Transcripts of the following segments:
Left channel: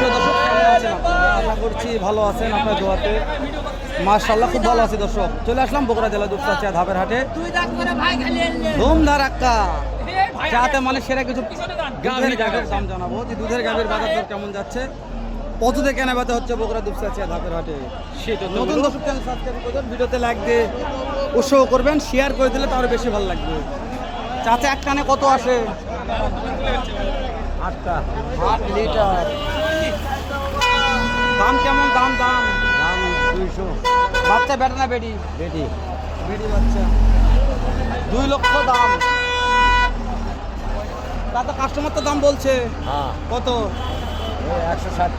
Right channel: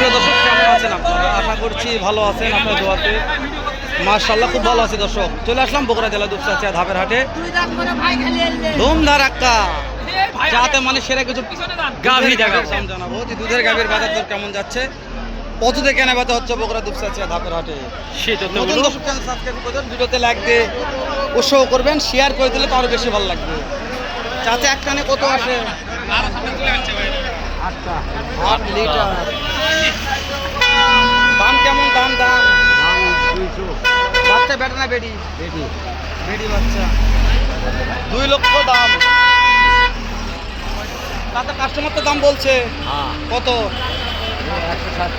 সুপ্রিয় দর্শক, কেমন আছেন আপনারা? আশা করছি ভালো আছেন আপনার দোয়াতে। মাশাআল্লাহ খুব ভালো আছি দর্শক। চলে আসলাম বগুড়া জেলা দুপচাচিয়া ধাপের হাটে। ধুমধার একটা যাতে মানে সেরা কিছু গাভী দেখাবো, জানাবো যে দুধের গাভীর বাজার দর কেমন যাচ্ছে, কততে কেনা বেচা হচ্ছে বগুড়া দুপচাচিয়া ধাপের হাটে। নতুন দর্শক চ্যানেল সাবস্ক্রাইব করবেন, ভিডিওতে লাইক দিয়ে উৎসাহ করবেন, শেয়ার করে দিলে তো আরো বেশি ভালো লাগবে। চাচা এক টানে কত আসে? 8 লিটার। দাম কেমন? দাম 200। বাচ্চা বেটা না বেটি? বেটি বাচ্চা। 2 লক্ষ দাম। তাতে কাস্টমার তো দাম বলছে কত? 160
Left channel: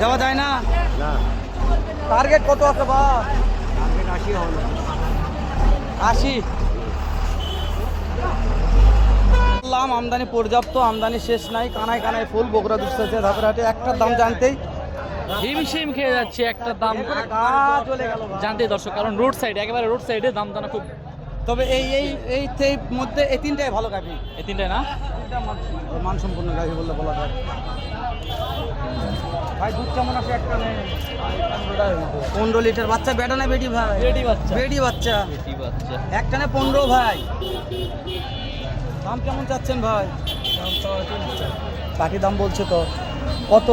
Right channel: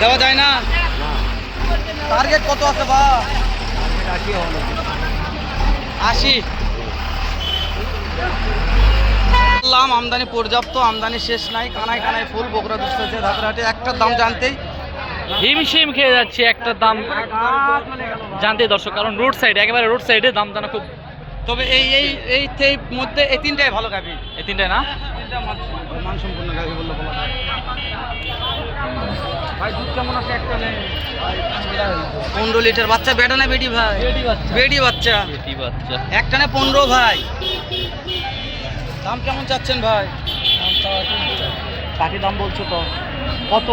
দেওয়া যায় না? টার্গেট কত আছে বা? 80। আমদানি পর্যাপ্ত, আমদানি শেষ নাই, কানায় কানায় ফুল বগুড়া দুপচাচিয়া ধাপের হাটে। একটা দাম জানতেই হিমশিম খেয়ে যাচ্ছে একটা দাম জানতে দর্শক, কারণ রোড সাইড, একেবারে রোড সাইডে দাম জানা খুব। তবে এই মধ্যে এই তিনটাই ভালো গাভী। এই তিনটাই না মানসম্পন্ন গাভী বললে বলা হয়। ভাই দুধ কেমন আছে? একটা 15 লিটার। বাচ্চা বেটা না বেটি ভাই? বেটি বাচ্চা। একটানে 15 ভাই। দাম কেমন চাচ্ছেন ভাই? পাটি দাম বলছো তো, কত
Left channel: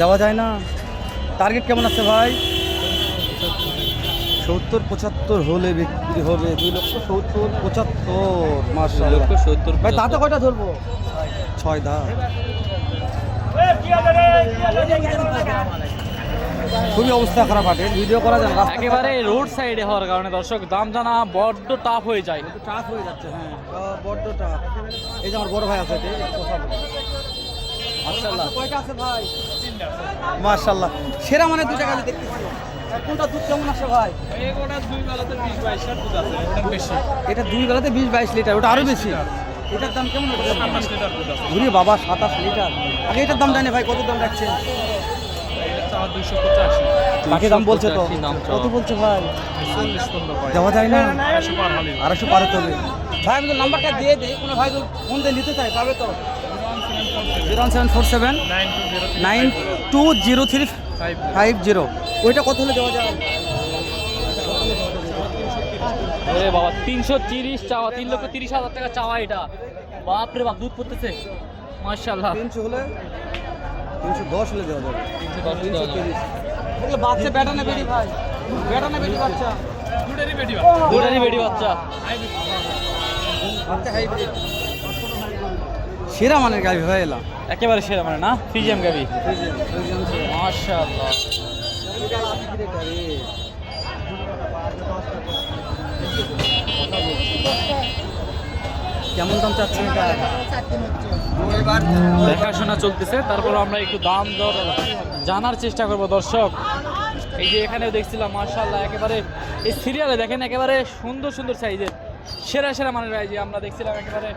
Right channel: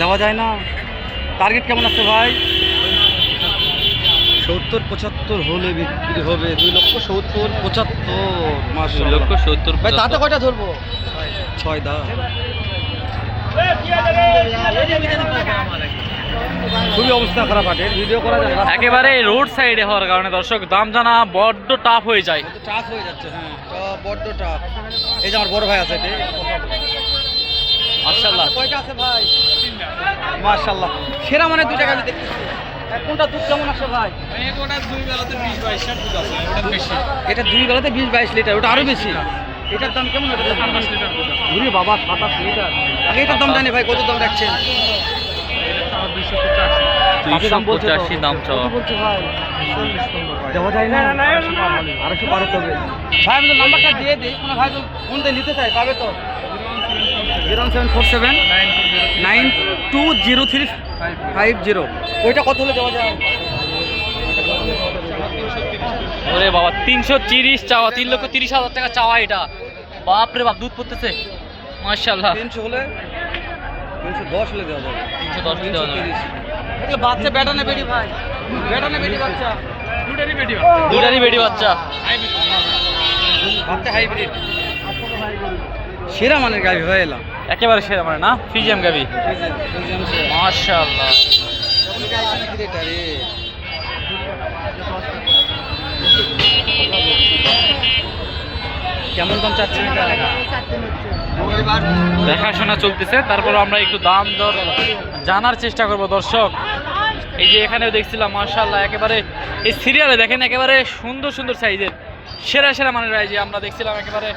দেওয়া যায় না? টার্গেট কেমন আছে ভাই? 70-75 হলে বিক্রি হবে। 2,70,75। মাশাআল্লাহ 2,70,75 ভাই দাঁতে কয়টা ধরবো? 6 দাঁত। খুবই অবস্থা খারাপ হাটের, ভিডিও করা যায় না। একেবারে রোড সাইডে হওয়ার কারণে দর্শক দাম জানা বড্ড টাফ হয়ে যায়। টাফ হয়ে যাচ্ছে। হ্যাঁ বড্ড টাফ। এই যে আমার বড় ভাই আছে, মাশাআল্লাহ। কয়টা আছে ভাই? মাশাআল্লাহ সেরা মানে দুইটা গাড়ি দেখতেছি। কোনটা দুধ কেমন আসে ভাই? ওটা 2 বেলাতে 20-22 দুধ আছে, ওটা বেশি। এটা 2 বেলাতে 20-22 লিটার, ওটা আরো বেশি। এটার দাম কেমন? এটা 27 লিটার দুধ আছে। ঘুরে বাবা 27 লিটার। আগে এটার দাম জানি ভাই, কত দাম রাখছেন? 285 দাম বলছে তো। দাম চাওয়া। কত বলছে ভাই? দেওয়া যায় না? 200 পার হবে ভাই। আমি নাম্বারটা দিয়ে দিই, কোনো ভাই ফোন দিয়ে নিতে চাই পাবে তো? 01747 920350। ওইটা কত হলে দেওয়া যায়? ওরে বাবা 330 চাওয়া, 3,30,000 টাকা চাওয়া। এটা বাপরে বাপ, দুধ পড়তেছে মাশাআল্লাহ। 300 হলে 310 হলে দেওয়া যাবে। 310 দেওয়া যাবে। 330। এগুলো বাচ্চা বেটা না বেটি ভাই? বেটা না বেটি বাচ্চা? দুটারই বেটি বাচ্চা। বাচ্চা হাইব্রিড। সেরা মানের গাভী হয়ে এলাম, একেবারে সেরা মানে না, ফিজিয়াম গাবি মাশাআল্লাহ। কেমন দাম চাচ্ছেন? দেখাশোনা চলতেছে, তারপর আমরা একটু দাম দর জানার চেষ্টা করব দর্শক। এই যে এখানেও দেখছিলাম মাশাআল্লাহ, একেবারে এই সিরিয়ালে দেখেন একেবারে সুন্দর সুন্দর সাইজের সেরা সেরা মানের। এই যে আমরা দেখছিলাম একেবারে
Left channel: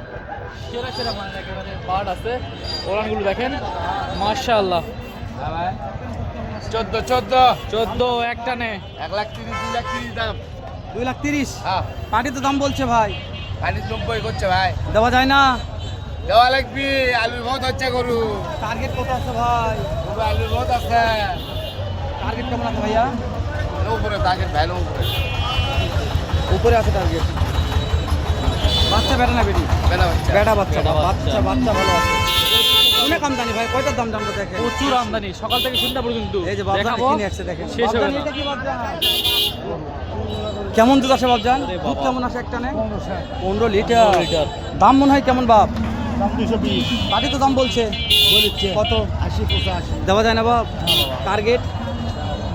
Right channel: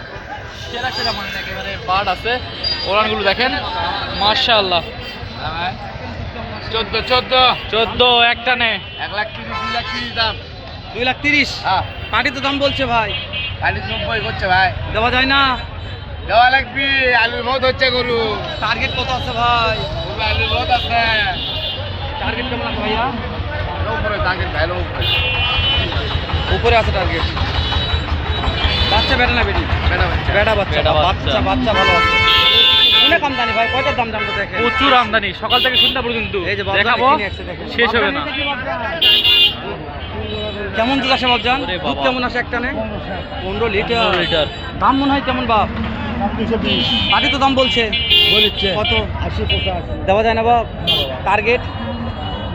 সেরা সেরা মানের একেবারে বার্ড আছে। ওরানগুলো দেখেন মাশাআল্লাহ। 14 একটা নে 1,30,000 দাম। 2,30,000। পাটি তো দাম বলছে ভাই। 90 করছে ভাই, দেওয়া যায় না? দেওয়া লাগবে। আলুর বহুত হচ্ছে গরু, টার্গেট কত আছে ভাই? আলুর বহুত আছে। টার্গেট কেমন আছে ভাইয়া? উপরে টার্গেট ভাই, উপরে আছে টার্গেট। বাচ্চা বেটা না বেটি? বেটা বাচ্চা। বাচ্চা ভালো আছে। অনেক আমদানি ভাই, কয়টার দাম জানতে দেখেন? প্রচুর আমদানি, সকাল থেকে সন্ধ্যা পর্যন্ত এই যে দেখাবো, শেষ হবে না। কেমন দুধ আসে বাবজান? দুধ কেমন আসে একটা নে? 15 লিটার। দাম মনে হয় কেমন বাপ? দাম 220। পাটি তো দাম বলছে কত? 80-85 দেওয়া যায় না বাপ? টার্গেট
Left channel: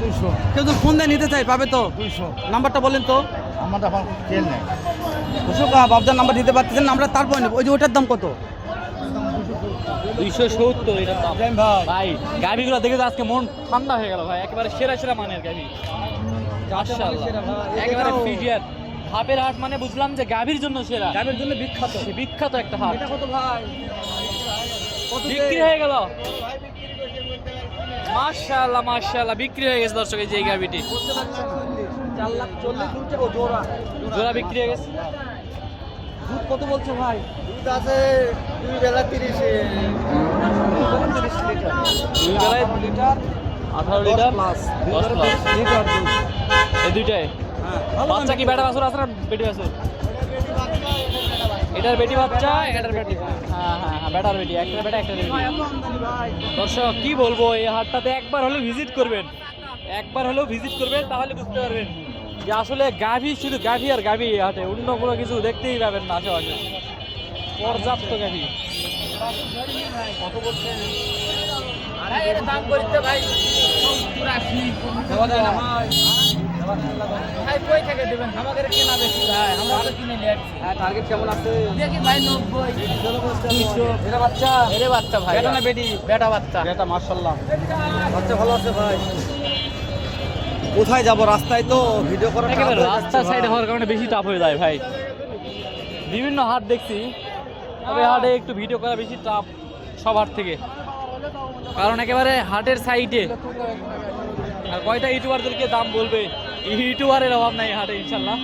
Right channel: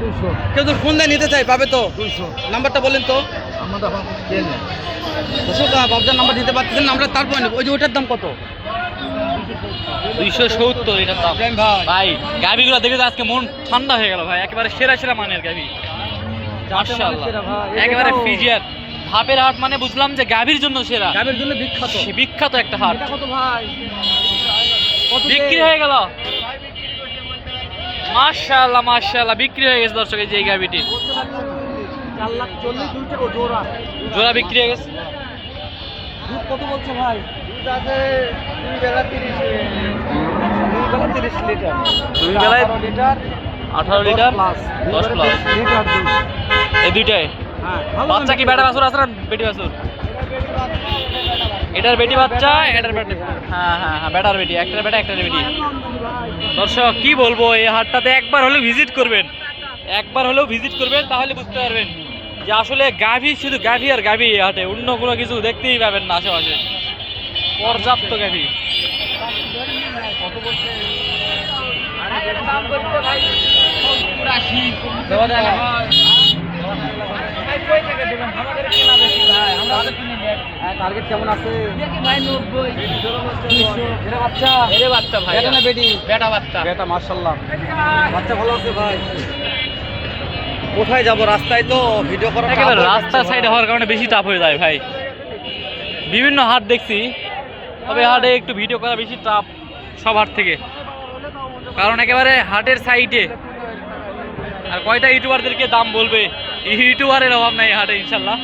200। কেউ তো ফোন দিয়ে নিতে চাই পাবে তো? 200 নাম্বারটা বলেন তো। আমাদের এখন কেন বাবজান নাম্বার দিতে পারতেছেন না, আমরা তারপর নেব। ওই যে ওটার দাম কত? 270 এটার দাম। ভাই ভাই গাভিগুলো দেখে তো আজকে মন ঠান্ডা হয়ে গেল ভাই, একেবারে সেরা সেরা মানের গাভি মাশাআল্লাহ। একেবারে ফিজিয়ার ধাপের হাট মানে বুঝলাম যে গাভির জন্য সেরা, গাভীর জন্য বিখ্যাত। বিখ্যাত একটা হাট। এটা কত ভাই? বিক্রি হয়ে গেল মাশাআল্লাহ মাশাআল্লাহ, বিক্রি হয়ে গেছে দর্শক। এই যে এই গাভিটি 4,40,000 জোড়া বিক্রি হয়ে গেছে। দুধ কত বলছো ভাই? দুধ আছে 2 বেলা 30। বেলা 30 লিটার। দুই বেলায় 18 লিটার 18 লিটার 10 প্লাস লিটার দুধ। এই দুইটাই। হ্যাঁ বাচ্চা কি বেটা বাছুর আছে না বেটি বাছুর? এটার বেটি বাচ্চা, এটার বেটি, হ্যাঁ হ্যাঁ হ্যাঁ, বেটার বেটি, একটার বেটা একটার বেটি। দর্শক কি বলবো, এই হাটটাতে একবার হলেও ভিজিট করবেন, একবার হলেও ভিজিট করবেন, তাহলে বুঝতে পারবেন যে আসলে গাভী, শুধু গাভী আর গাভী এই হাটে, অন্য কোনো কিছু দেখতেই পাবেন না আশেপাশে। পর্যাপ্ত গাভী। কত বলছে? দেওয়া যায় না। টার্গেট কেমন আছে? এরে বাচ্চা, বেটা না বেটি? বেটা, মাশাআল্লাহ। বাচ্চা ভালো আছে ভাই। কোথায় যাব? রাস্তায় তো ভিডিও করা একেবারে রাস্তার সাইডে হওয়ার কারণে বেশি টাফ হয়ে যায় ভাই। বিভিন্ন হাট দেখছি, তবে হাটে একটু ভিডিও করা বেশি টাফ সব হাট থেকে, কারণ একেবারে হাটের সাইডে। আর কয়টা ইউটিউবারদেরকে দাম বলবে, ইউটিউবারের অভাব নাই হাটে ইনশাল্লাহ।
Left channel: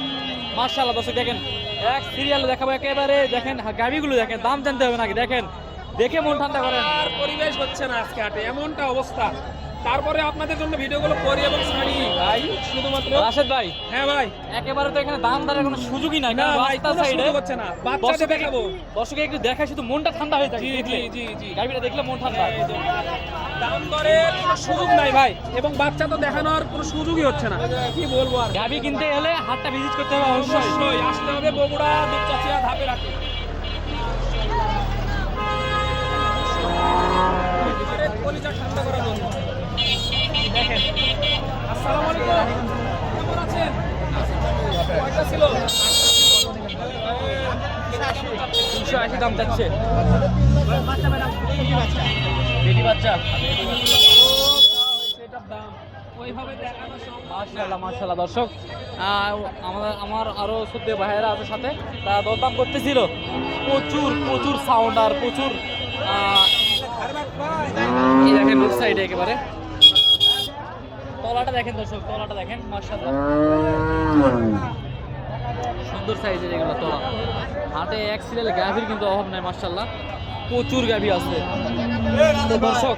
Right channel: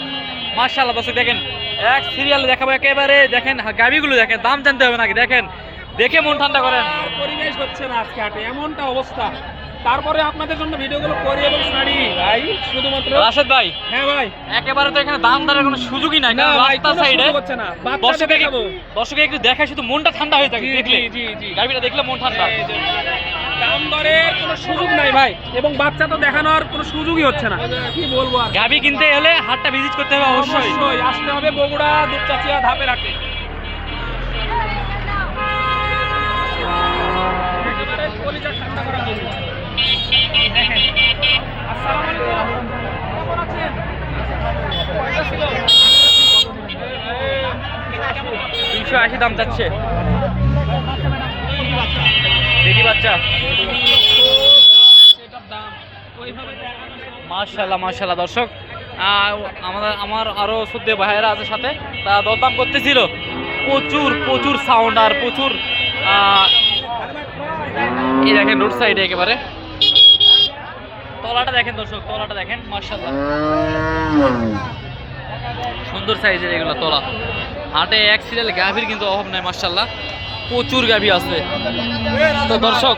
মাশাআল্লাহ দর্শক দেখেন, এক সিরিয়ালে দেখাবো একেবারে। দেখেন গাভিগুলো দেখেন, দাম জানতে হবে নাকি, দেখেন দেখে মন ঠান্ডা করেন। আর পরিবেশ হচ্ছে না আজকে হাটে, এমনটা অবস্থা। তারপরে আপনাদের জন্য ভিডিওগুলো করি এবং ছাড়ি ভাই, শুধুমাত্র। রাশেদ ভাই, হ্যাঁ ভাই, একেবারে তো এখানে দাম দরের কোনো সুযোগই নাই, না কারণ ভাই, রাস্তার কোনো সাইডে সুযোগ হচ্ছে না। বাচ্চাদের দর্শকে দেখাবো। দর্শকে একটু দেখায়, শুধু মনটা ঠান্ডা হয়ে থাকে জি, দেখলে, জি, জি। গাভিটা দেখলে মন ঠান্ডা। দাম দরে কোনো সুযোগ নাই ভাই, এবং বাচ্চা তো দেখানোর কোনো সুযোগই হচ্ছে না। কি বলবো আর, গাভি কিনতে হলে হাটটা ভিজিট করতে হবে অবশ্যই। অবশ্যই আসতে হবে বগুড়া দুপচাচিয়া ধাপে রাখে। একেবারে কলিজা ঠান্ডা করা হবে। দেখেন, আসসালামু আলাইকুম, কেমন আছেন? কয়টা ছিল? 380 দাম যাচ্ছে। বেটি বাচ্চা, সেটার দাম ওইভাবে দেখানো সম্ভব। মাশাআল্লাহ মাশাআল্লাহ। দর্শক আমার আরো সদ্য ভাইয়েরা আছে সাথে, তা দরদাম করতেছিল। প্রচুর প্রচুর সাউন্ড আর প্রচুর এই দেখেন রোড সাইডে একেবারে। তলাটা দেখেন দর্শক, তলাটা দেখেন, মাশাআল্লাহ সুন্দর সাইজের এগুলো তলা। হাটে এক সিরিয়াল গাভীর কিন্তু অভাব নাই, মাশাআল্লাহ প্রচুর গাভী আছে। তো দর্শক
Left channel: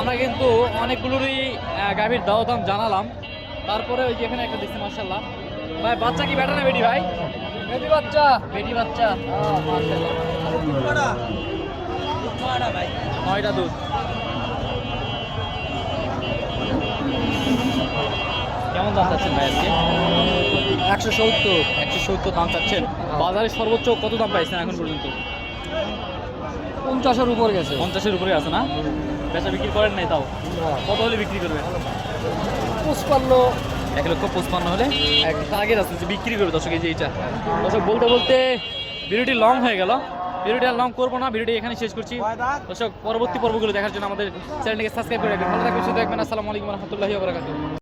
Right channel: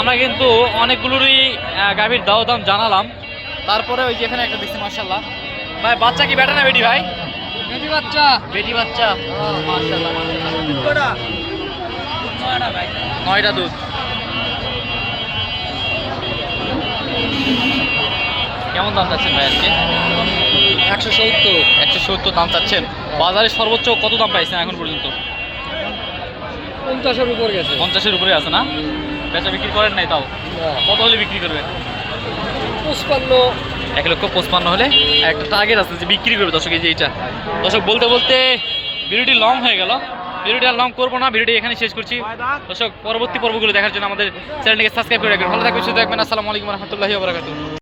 আমরা কিন্তু অনেকগুলোরই গাভীর দাম জানালাম, তারপরে ওই যে এখানে একটা দেখছি মাশাআল্লাহ। ভাই বাচ্চা কি বেটা না বেটি ভাই? বেটি বাচ্চা। বেটি বাচ্চা, মাশাআল্লাহ মাশাআল্লাহ। 9টা দুধ। কেমন দাম চাচ্ছেন ভাই আজকে? 170 দাম চাচ্ছেন। বাজারে সর্বোচ্চ কত দাম পাইছেন এখন পর্যন্ত? 50-এর উপর গেছে। 50-এর উপরে আছে না? বেচা বিক্রি করেন নাই তাও? কত হলে বিক্রি করবেন? 1,55,000 হলে একটা টার্গেট আছে যে বিক্রি করবে দর্শক। এই যে এইটা দর্শক, বলতে বলতে ভিডিওটি লং হয়ে গেল। ভিডিওটি আর লং করবো না, ভিডিওটি এখানে শেষ করছি। দর্শক পরবর্তী পর্বগুলো দেখার জন্য আমাদের চ্যানেলটিকে সাবস্ক্রাইব করে রাখবেন। ভালো থাকবেন, সুস্থ থাকবেন। আসসালামু আলাইকুম রহমতুল্লাহি ওয়া বারাকাতুহু।